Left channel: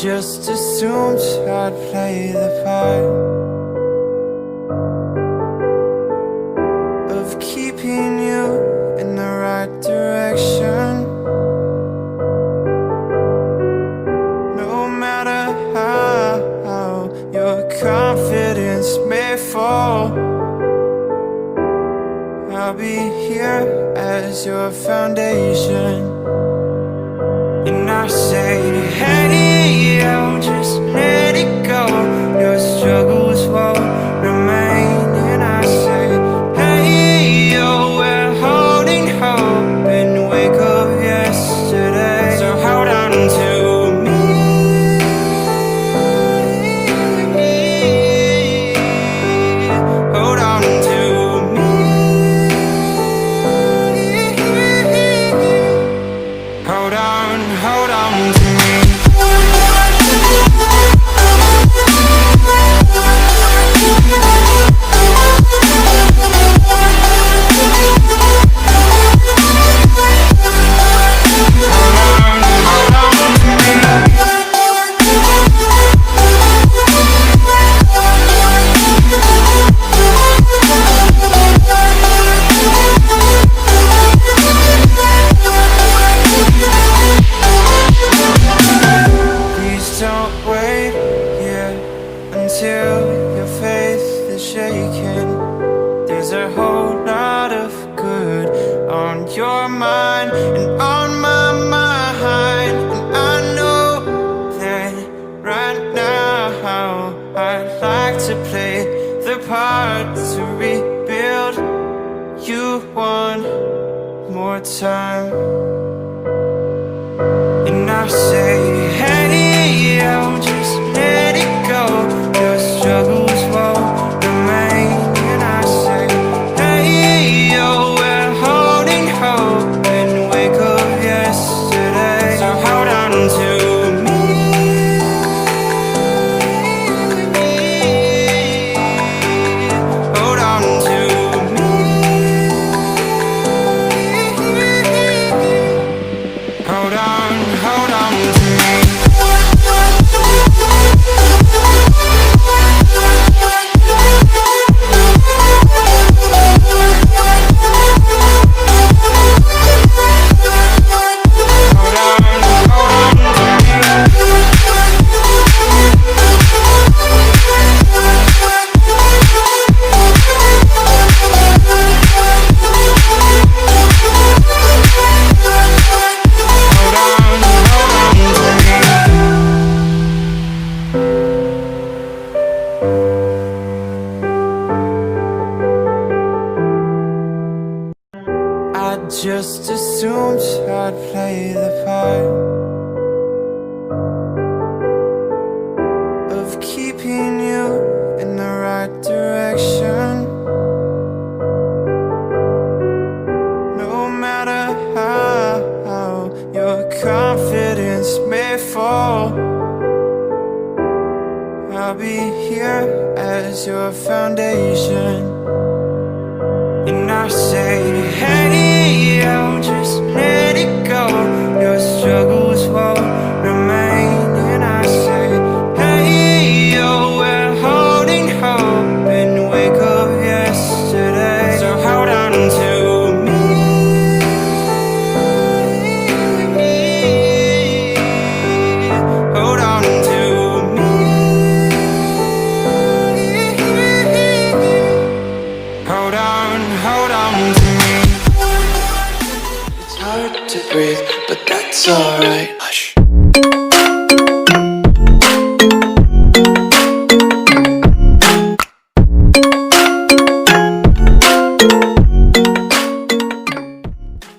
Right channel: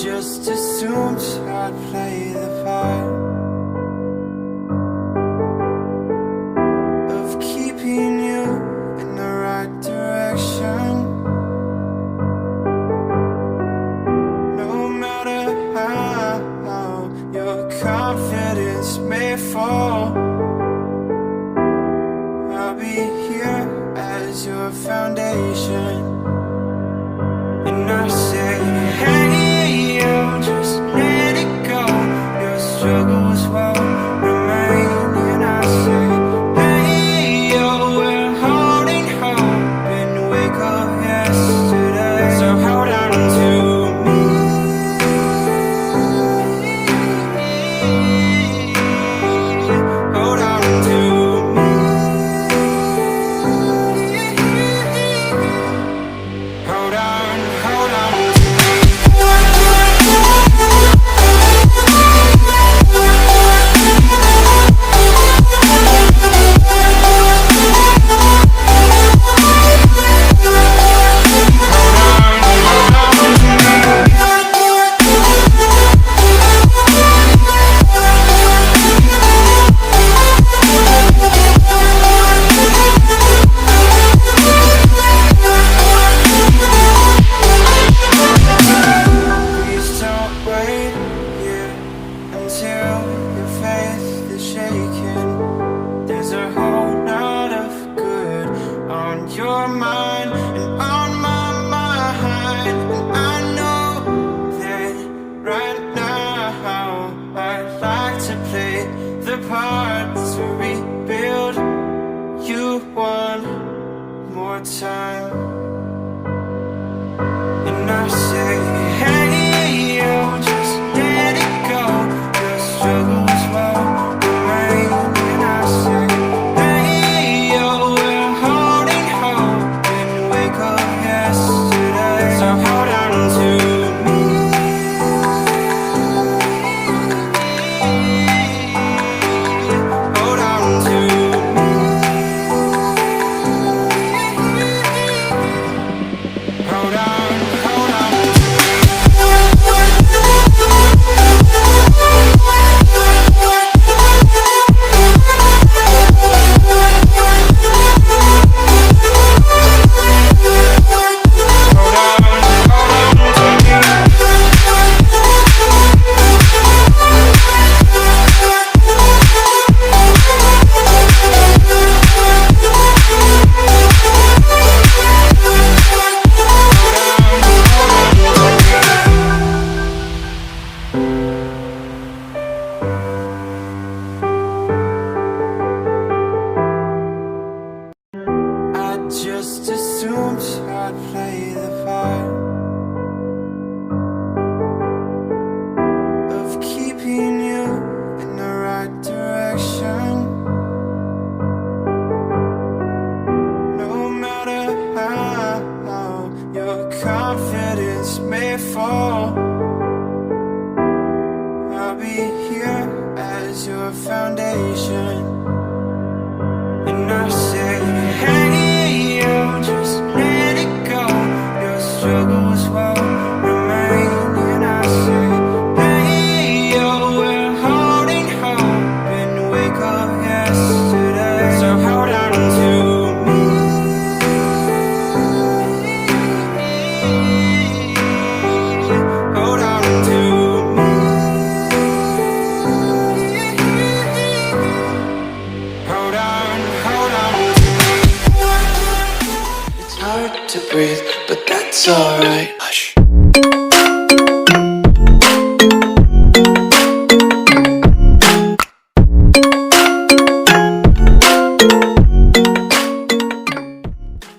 just assumed I'd play the part of keeping you in the right direction. No matter how your confidence may fall, I'll be here as your foundation. And I say, hey, yo, just let it go. Your struggles won't remain. And I say, hey, yo, we're holding hope and wake up yesterday. So hold on to me. Hold on to me. Hold on to me. Don't wait here until your faith is shaken. There's a whole lot of good on your mind and on my mind. And I know that right now I'd like to play the part to rebuild you one more time. And I say, hey, yo, just let it go. Your struggles won't remain. And I say, hey, yo, we're holding hope and wake up yesterday. So hold on to me. Hold on to me. Hold on to me. I just assumed I'd play the part of keeping you in the right direction. No matter how your confidence may fall, I'll be here as your foundation. And I say, hey, yo, just let it go. Your struggles won't remain. And I say, hey, yo, we're holding hope and wake up yesterday. So hold on to me. Hold on to me. Hold on to me. It's hard to breathe, but that's alright. Hush.